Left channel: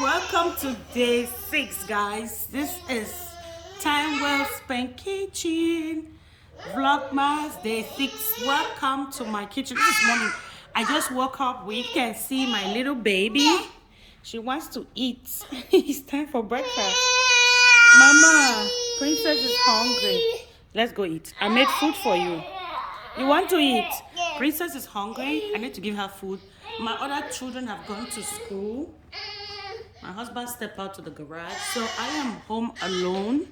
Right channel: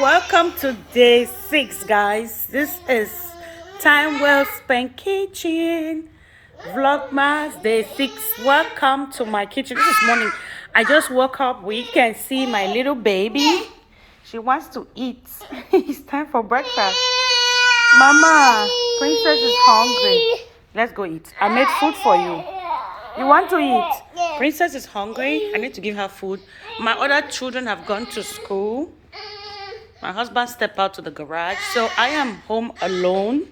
Welcome to day 6, guys. This is Time Well Spent Kitchen Vlogmas day 6. Welcome to my kitchen. This is morning. I just woke up. We can see my little baby. She wants to eat. It's time for breakfast. Mama, Princess is hungry. Let's go eat. I made food for you. You want to eat? Princess is hungry. I need to give her food. My other children have gone to school. My husband stepped out to the garage, so I am home alone.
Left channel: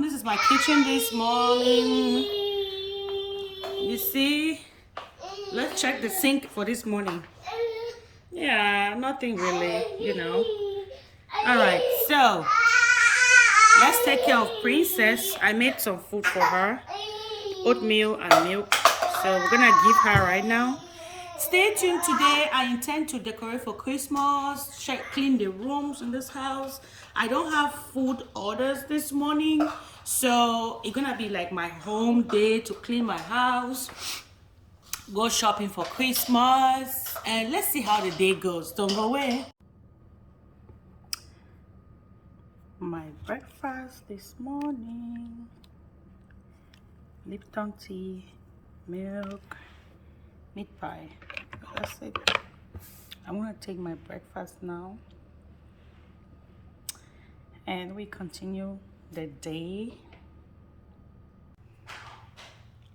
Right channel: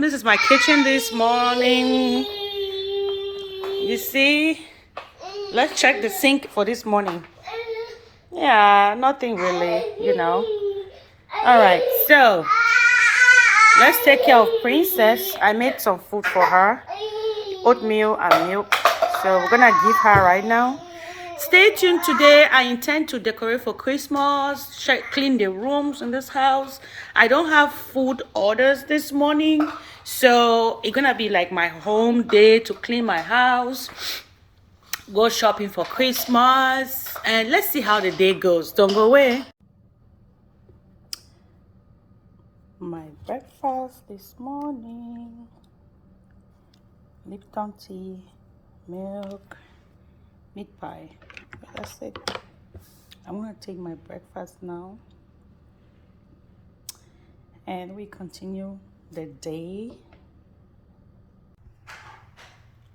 This is my kitchen this morning. You see, let's check the sink for this morning. Yeah, nothing really, All right, so let's take care of Princess. I made some food for her, oatmeal and milk. So we're gonna give her right now. Stay tuned. Today I intend to decorate for Christmas, clean the rooms in this house. I don't have food orders this morning, so it's gonna be like my home day to clean my house, go shopping for Christmas, and let's see how the day goes. Don't go away. My breakfast this morning: Lipton tea, milk, meat pie. That's it. I'm gonna take my breakfast now and we continue the day.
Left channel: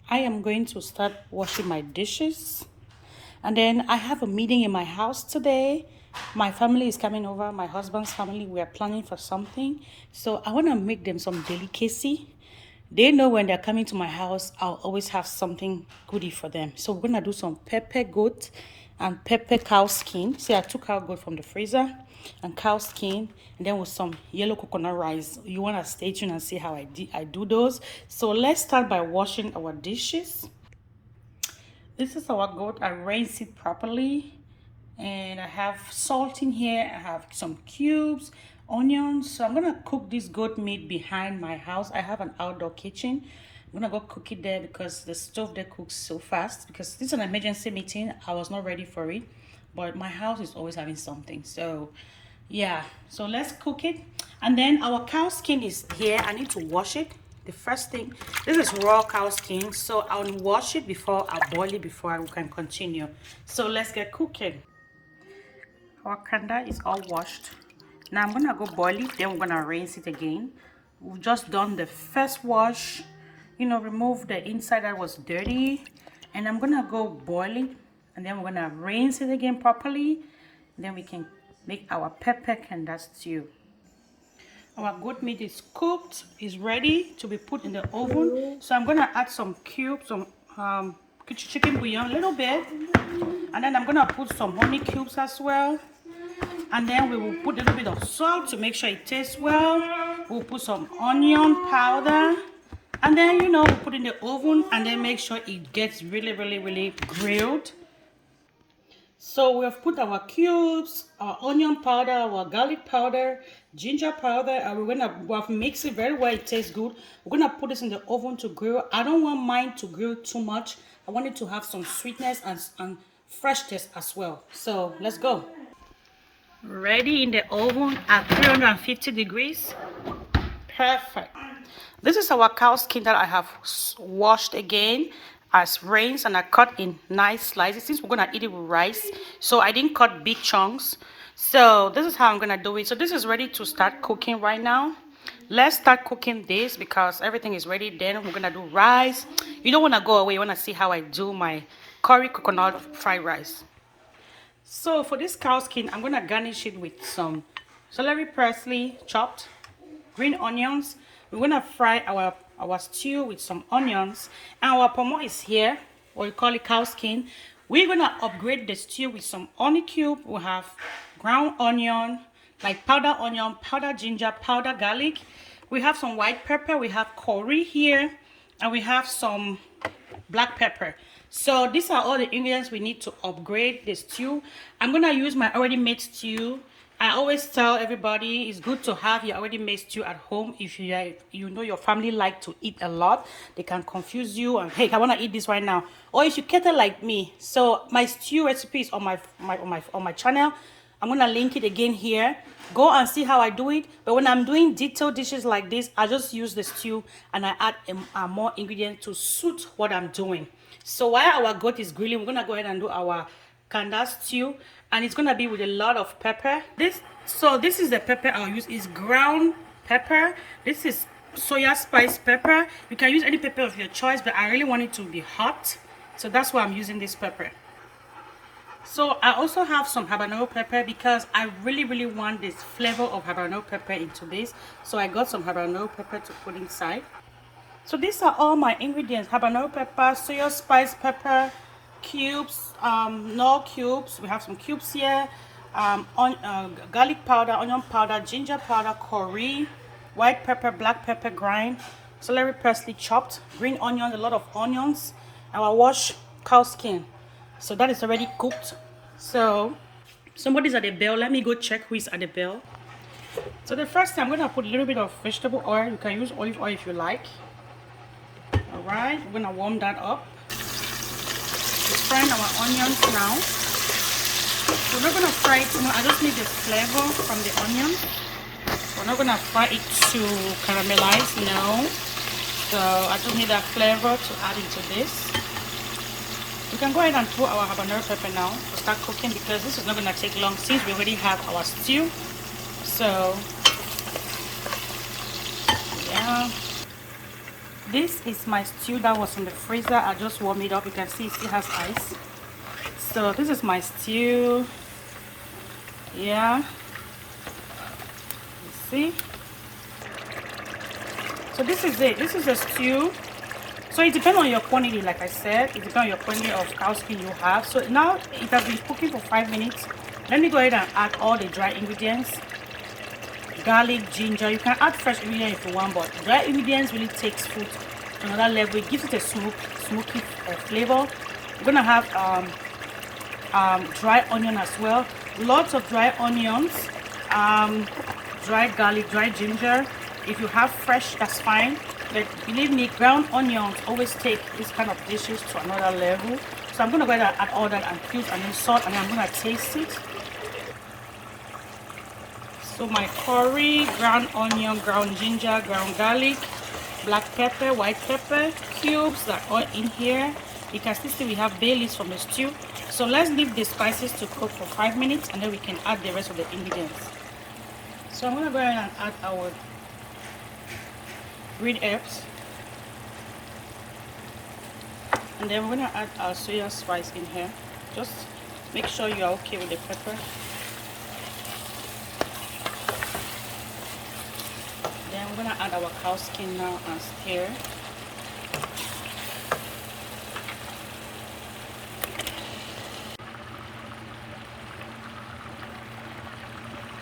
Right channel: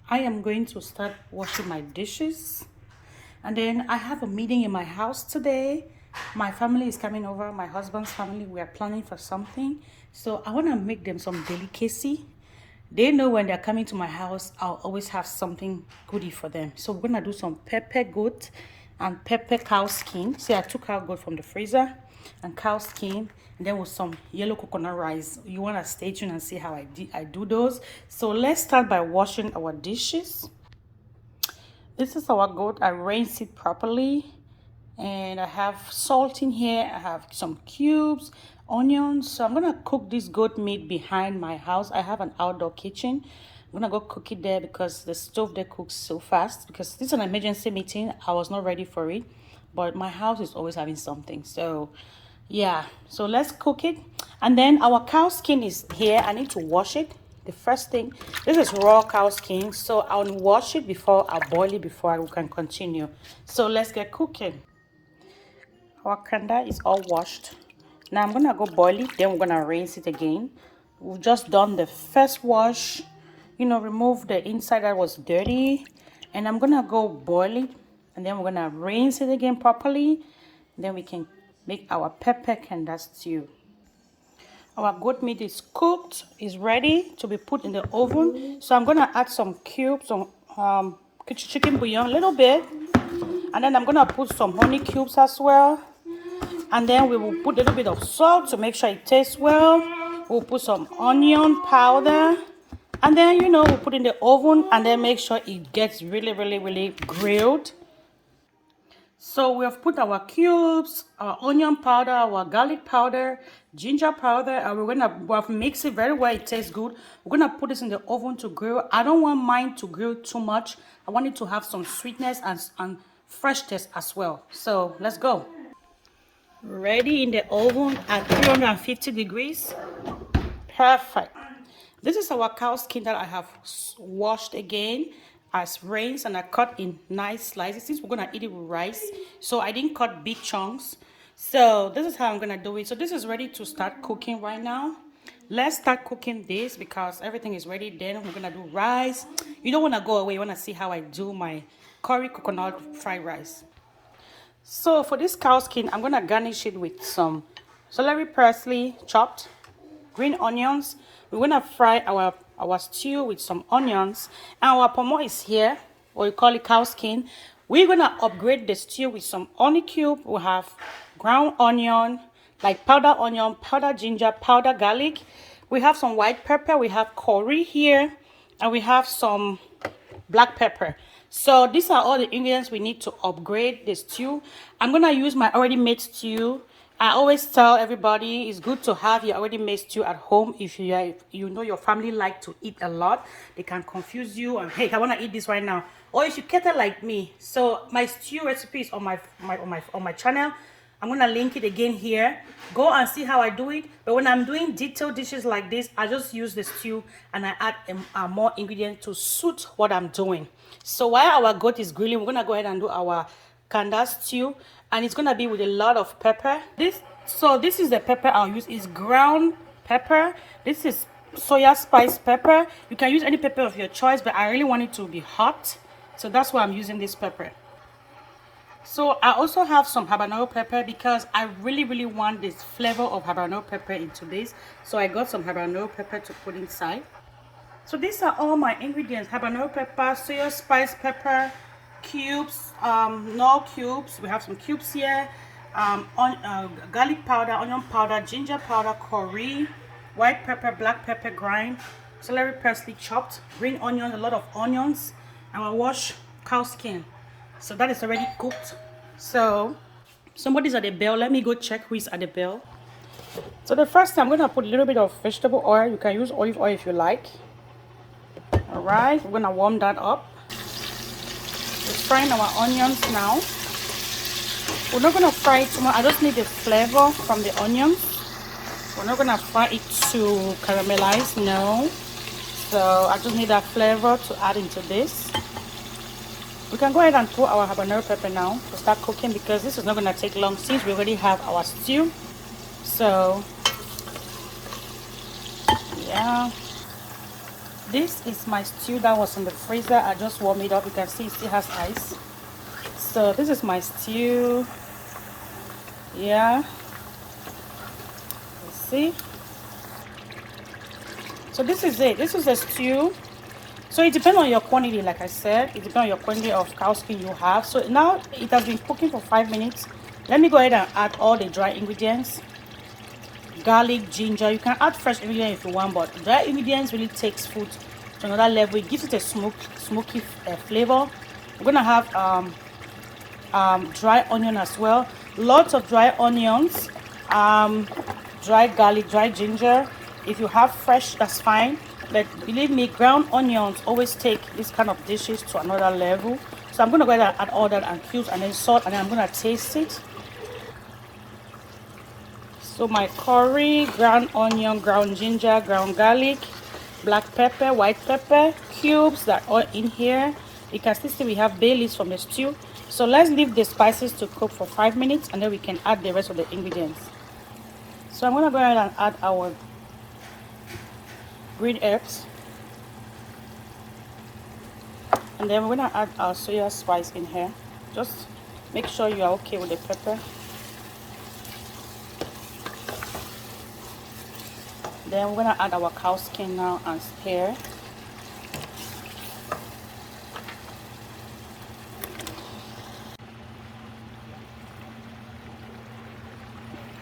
I am going to start washing my dishes, and then I have a meeting in my house today. My family is coming over, my husband's family. We are planning for something, so I want to make them some delicacy. They know when they're coming to my house, I'll always have something goodie for them. So we're gonna do some pepper goat and pepper cow skin. See, I took out goat from the freezer and cow skin, and then with some yellow coconut rice. You wanna stay tuned and see how I do those. So let's start by washing our dishes. This is our goat. I rinsed it properly, and I have salt in here. I have some cubes, onions. So I'm gonna cook this goat meat behind my house. I have an outdoor kitchen. I'm gonna go cook it there because the stove there cooks so fast. Because this is an emergency meeting, I was not ready for it, but my house is always having something. So yeah, so let's cook it. And then our cow skin is here. I need to wash it. The first thing, this is raw cow skin, so I'll wash it before I boil it before we can continue. So let's get cooking. Our kanda is all washed. Now I'm gonna go boil it, then we're gonna rinse it again. We've just done the first wash, remove the inside that was dirty, and I'm gonna go boil it, and then we're gonna rinse it again properly, and then we can make our pepper kanda stew. Our goat meat is cooked, is ready to be put in the oven. So I'm gonna add some cubes, some chicken bouillon, a little bit, and then I'm gonna put some honey cubes as well. And then we will put a little bit of salt to make sure it tastes well. We'll put some onion powder. And then, we'll put it in the oven and then make sure it gets really, really, really grilled. So we have put our cubes, our onion powder, our garlic powder, ginger powder, and we're gonna mix it very well. It tastes good. We're gonna put this in the oven to grill. I don't want mine to grill too much. I want it to have some sweetness and fresh taste as well. So let's go. Ready in the oven at 350 degrees. Perfect. This is our cow skin that I have washed again, as rinsed, and I cut in nice slices. Since we're gonna eat it with rice, so I didn't cut big chunks. So this is how I'm gonna do it. So this is ready to start cooking right now. Let's start cooking this because everything is ready. Then we're gonna do rice. You don't want to go away. You want to see how I do my curry coconut fried rice. So for this cow skin, I'm gonna garnish it with some celery parsley chopped, green onions. We're gonna fry our stew with some onions, and our pomo is here, or you call it cow skin. We're gonna upgrade the stew with some onion cube. We have ground onion, like powder onion, powder ginger, powder garlic. We have some white pepper. We have curry here, and we have some black pepper. So these are all the ingredients we need to upgrade the stew. I'm gonna use my already made stew. I always tell everybody it's good to have your already made stew at home. If your family like to eat a lot, they can confuse you and, hey, I want to eat this right now. Or if you cater like me, so my stew recipe is on my channel. I'm gonna link it again here. Go and see how I do it. But when I'm doing detailed dishes like this, I just use the stew and I add more ingredients to suit what I'm doing. So while our goat is grilling, we're gonna go ahead and do our kanda stew, and it's gonna be with a lot of pepper. This is the pepper I'll use. Is ground pepper. This is soya spice pepper. You can use any pepper of your choice, but I really want it to be hot, so that's why I'm using this pepper. So I also have some habanero pepper because I really want this flavor of habanero pepper into this. So I got some habanero pepper to put inside. So these are all my ingredients: habanero pepper, soya spice pepper, cubes, no cubes. We have some cubes here, garlic powder, onion powder, ginger powder, curry, white pepper, black pepper grind, celery parsley chopped, green onions, a lot of onions, and I wash cow skin. So that is already cooked. So somebody's at the bell. Let me go check who is at the bell. So the first thing, I'm going to put a little bit of vegetable oil. You can use olive oil if you like. All right, we're going to warm that up. We're frying our onions now. We're not going to fry it too much. I just need the flavor from the onions. We're not going to fry it to caramelize, no. So I just need that flavor to add into this. We can go ahead and put our habanero pepper now to start cooking, because this is not going to take long since we already have our stew. So yeah, this is my stew that was in the freezer. I just warmed it up. You can see it still has ice. So this is my stew. Yeah, you see. So this is it. This is a stew. So it depends on your quantity. Like I said, it depends on your quantity of cow skin you have. So now it has been cooking for 5 minutes. Let me go ahead and add all the dry ingredients: garlic, ginger. You can add fresh ingredients if you want, but dry ingredients really takes food to another level. It gives it a smoky flavor. We're gonna have dry onion as well. Lots of dry onions, dry garlic, dry ginger. If you have fresh, that's fine. But believe me, ground onions always take this kind of dishes to another level. So I'm going to go ahead and add all that, and cubes, and then salt, and then I'm going to taste it. So my curry, ground onion, ground ginger, ground garlic, black pepper, white pepper, cubes that are in here. You can see we have bay leaves from the stew. So let's leave the spices to cook for 5 minutes, and then we can add the rest of the ingredients. So I'm going to go ahead and add our green herbs, and then we're gonna add our soya spice in here. Just make sure you are okay with the pepper. Then we're gonna add our cow skin now and stir.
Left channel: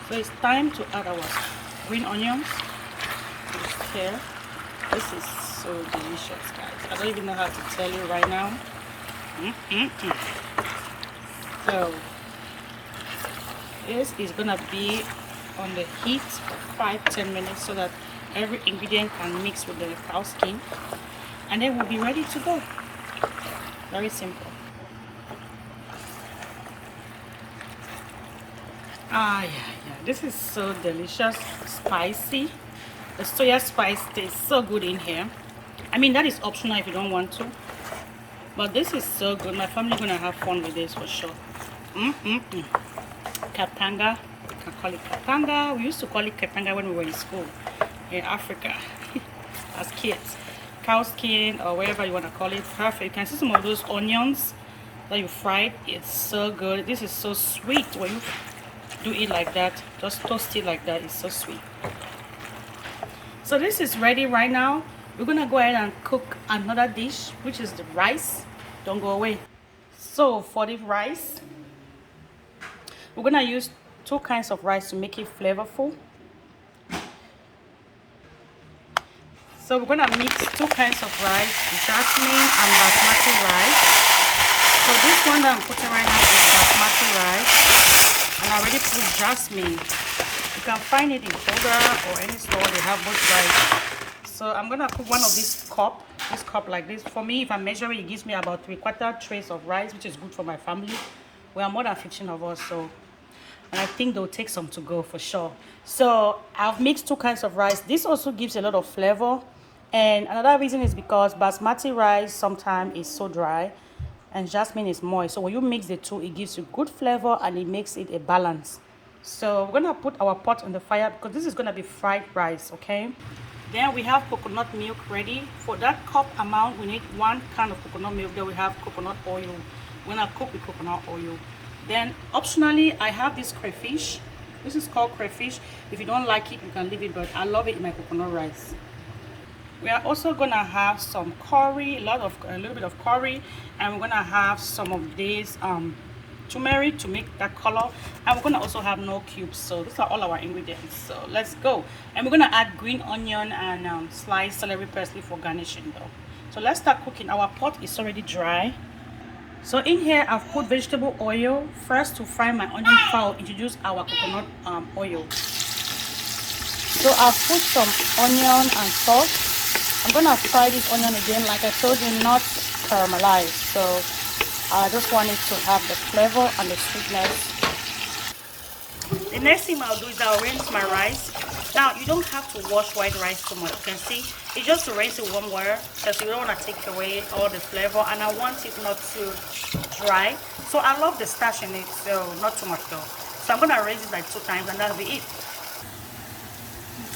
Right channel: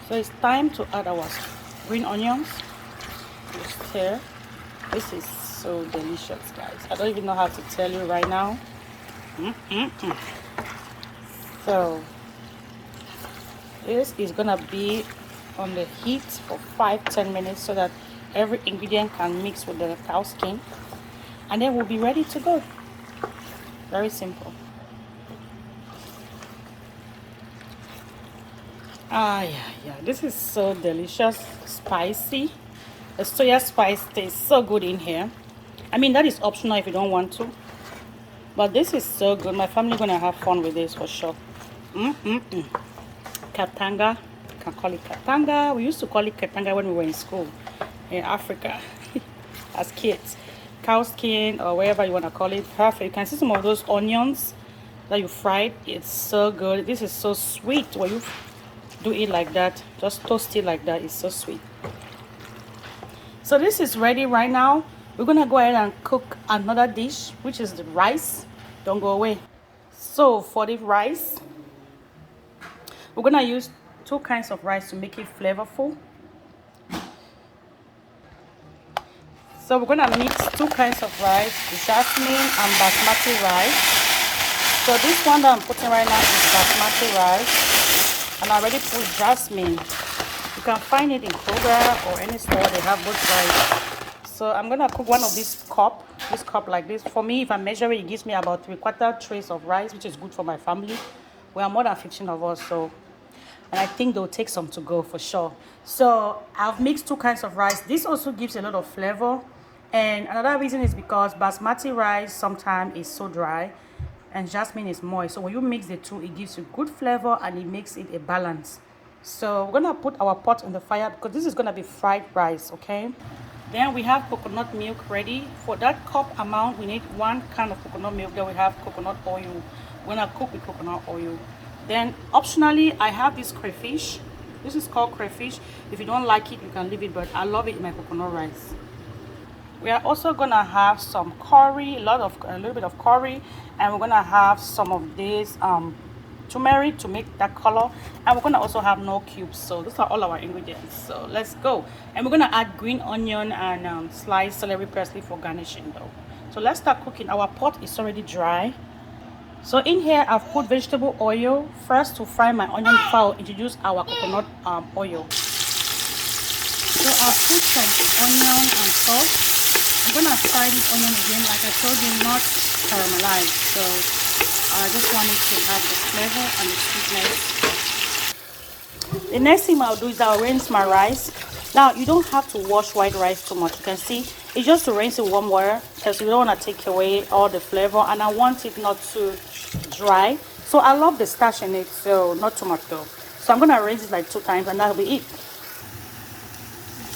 So it's time to add our green onions. Stir. This is so delicious, guys. I don't even know how to tell you right now. So this is gonna be on the heat for 5-10 minutes so that every ingredient can mix with the cow skin, and then we'll be ready to go. Very simple. Yeah, this is so delicious, spicy. The soya spice tastes so good in here. I mean, that is optional if you don't want to, but this is so good. My family gonna have fun with this for sure. Katanga, you can call it katanga. We used to call it katanga when we were in school in Africa as kids. Cow skin, or wherever you want to call it. Perfect. You can see some of those onions that you fried. It's so good. This is so sweet when you do it like that. Just toast it like that. It's so sweet. So this is ready right now. We're gonna go ahead and cook another dish, which is the rice. Don't go away. So for the rice, we're gonna use 2 kinds of rice to make it flavorful. So we're gonna mix 2 kinds of rice, jasmine and basmati rice. So this one that I'm putting right now is basmati rice, and I already put jasmine. You can find it in Kroger or any store. They have both rice. So I'm gonna cook one of this cup like this. For me, if I measure it, it gives me about 3/4 trays of rice, which is good for my family. We are more than 15 of us, so and I think they'll take some to go for sure. So I've mixed 2 kinds of rice. This also gives a lot of flavor, and another reason is because basmati rice sometimes is so dry and jasmine is moist. So when you mix the two, it gives you good flavor and it makes it a balance. So we're gonna put our pot on the fire because this is gonna be fried rice, okay? Then we have coconut milk ready. For that cup amount, we need 1 can of coconut milk. Then we have coconut oil. We're gonna cook with coconut oil. Then optionally, I have this crayfish. This is called crayfish. If you don't like it, you can leave it, but I love it in my coconut rice. We are also gonna have some curry, a little bit of curry, and we're gonna have some of this turmeric to make that color, and we're gonna also have no cubes. So those are all our ingredients. So let's go, and we're gonna add green onion and sliced celery parsley for garnishing though. So let's start cooking. Our pot is already dry. So in here I've put vegetable oil first to fry my onion before I'll introduce our coconut oil. So I've put some onion and salt. I'm gonna fry this onion again, like I told you, not caramelized. So I just want it to have the flavor and the sweetness. The next thing I'll do is I'll rinse my rice. Now you don't have to wash white rice too much. You can see it's just to rinse in warm water because you don't want to take away all the flavor, and I want it not too dry. So I love the starch in it, so not too much though. So I'm gonna rinse it like 2 times and that'll be it.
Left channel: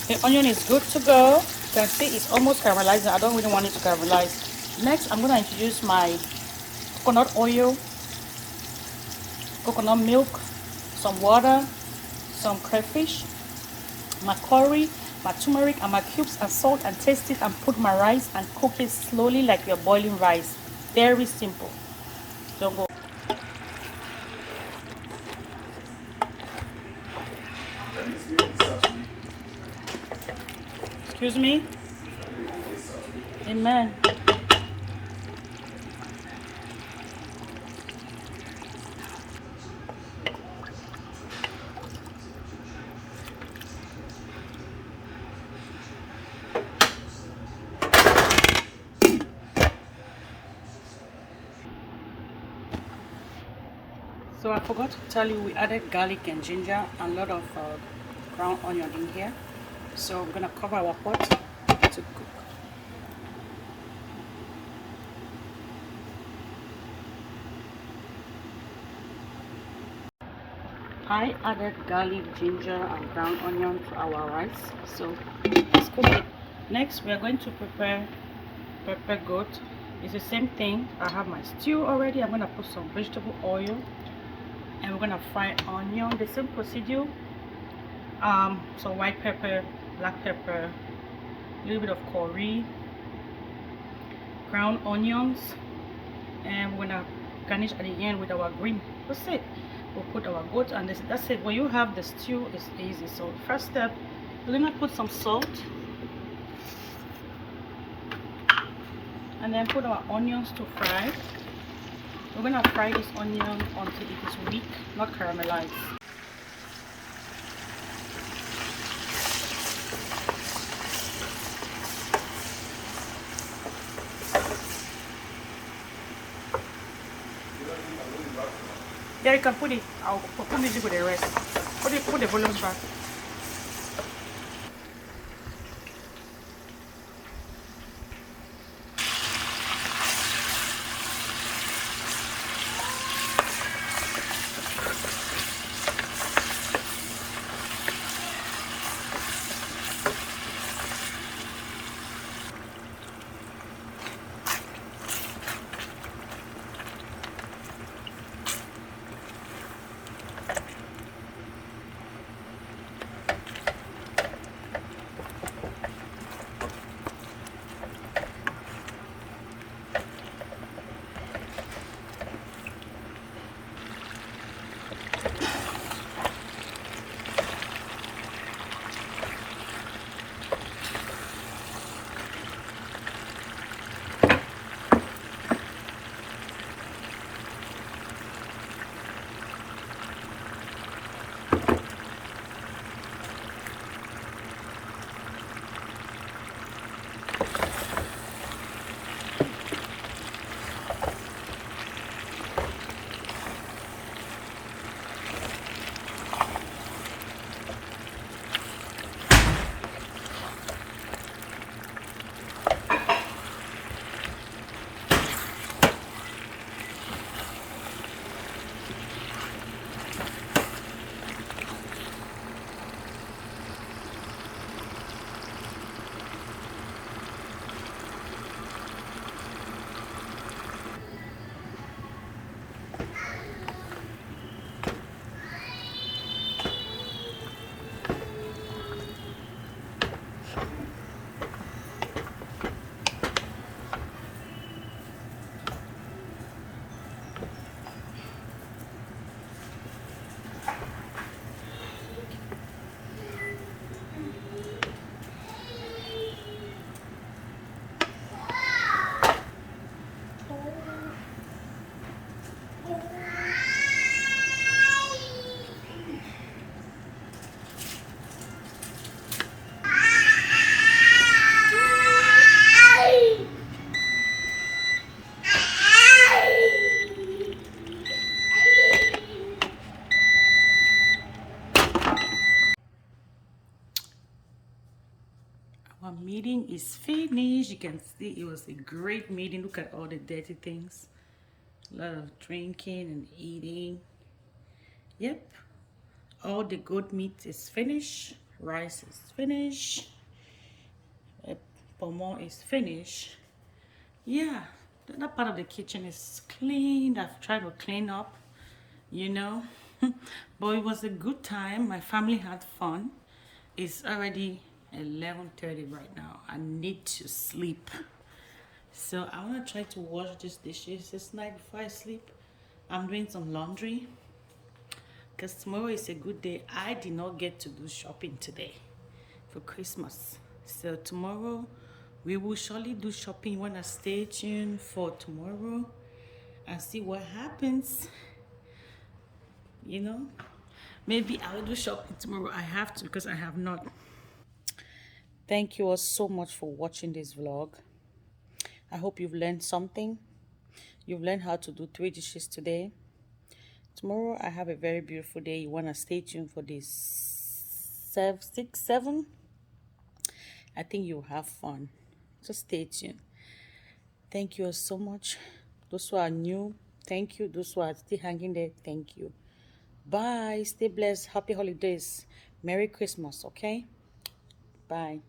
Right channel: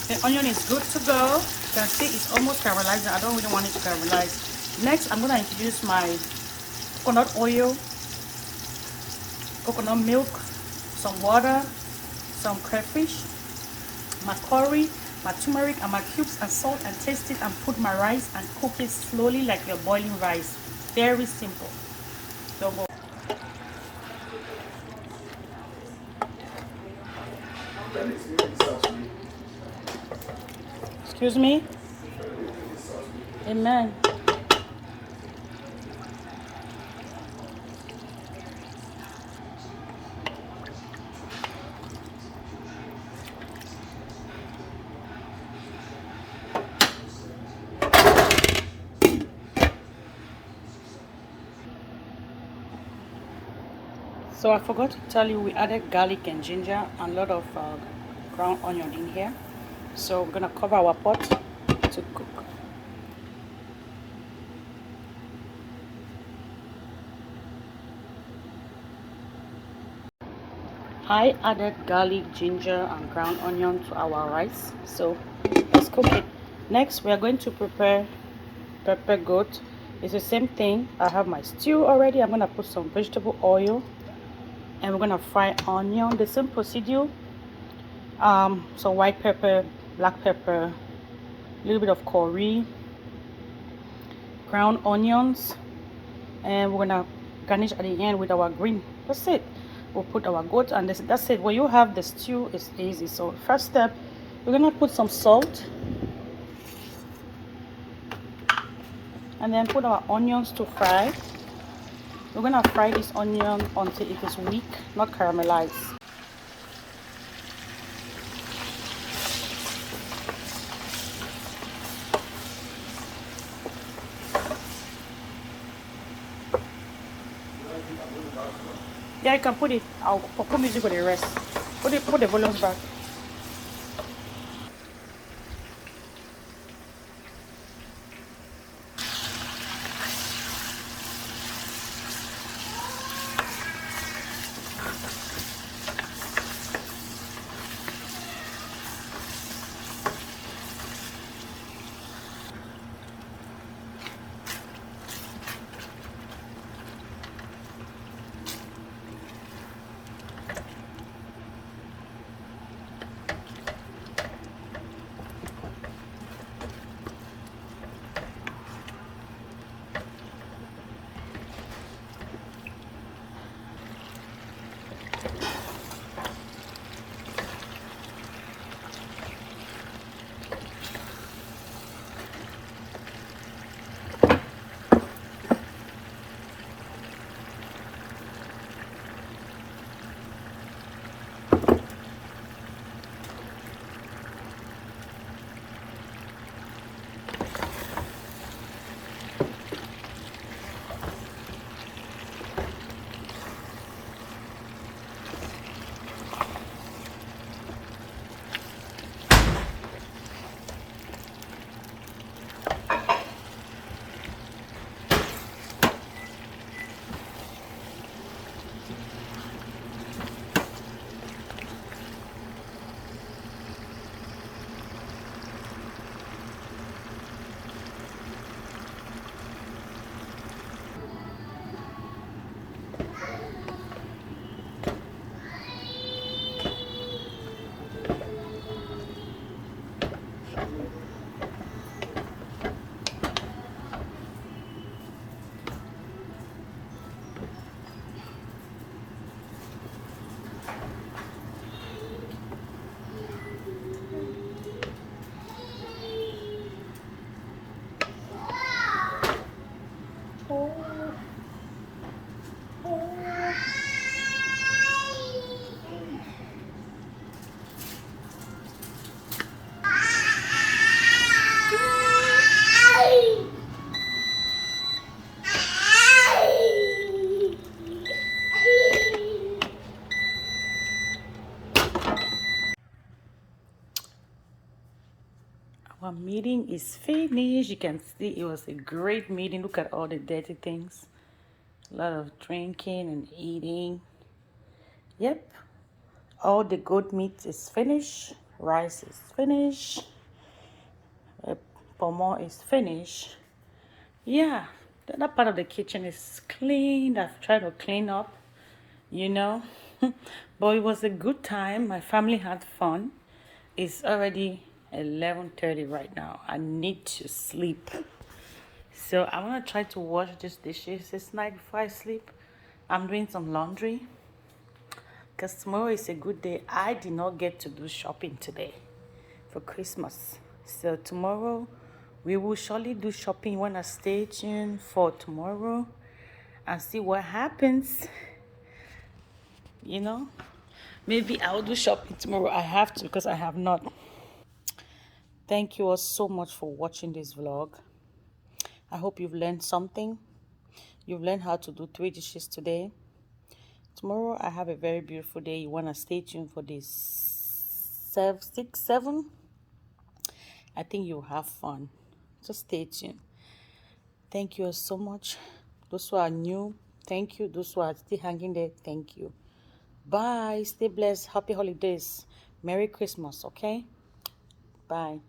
The onion is good to go. You can see it's almost caramelized. I don't really want it to caramelize. Next, I'm going to introduce my coconut oil, coconut milk, some water, some crayfish, my curry, my turmeric, and my cubes and salt, and taste it and put my rice and cook it slowly like you're boiling rice. Very simple. Don't go. Excuse me? Amen. So I forgot to tell you, we added garlic and ginger and a lot of ground onion in here. So we're gonna cover our pot to cook. I added garlic, ginger, and ground onion to our rice. So let's cook it. Next, we are going to prepare pepper goat. It's the same thing. I have my stew already. I'm gonna put some vegetable oil, and we're gonna fry onion. The same procedure. So white pepper, black pepper, a little bit of curry, ground onions, and we're gonna garnish at the end with our green. That's it. We'll put our goat, and that's it. When you have the stew, it's easy. So first step, we're gonna put some salt, and then put our onions to fry. We're gonna fry this onion until it is weak, not caramelized. Yeah, you can put it. I'll put music with the rest. Put the volume back. Our meeting is finished. You can see it was a great meeting. Look at all the dirty things. A lot of drinking and eating. Yep. All the goat meat is finished. Rice is finished. Pomo is finished. Yeah, that part of the kitchen is clean. I've tried to clean up, you know. But it was a good time. My family had fun. It's already 11:30 right now. I need to sleep. So I want to try to wash these dishes this night before I sleep. I'm doing some laundry because tomorrow is a good day. I did not get to do shopping today for Christmas. So tomorrow we will surely do shopping. When I stay tuned for tomorrow and see what happens. You know, maybe I'll do shopping tomorrow. I have to because I have not. Thank you all so much for watching this vlog. I hope you've learned something. You've learned how to do 3 dishes today. Tomorrow I have a very beautiful day. You want to stay tuned for this 6, 7. I think you'll have fun. Just stay tuned. Thank you all so much. Those who are new, thank you. Those who are still hanging there, thank you. Bye. Stay blessed. Happy holidays. Merry Christmas, okay? Bye.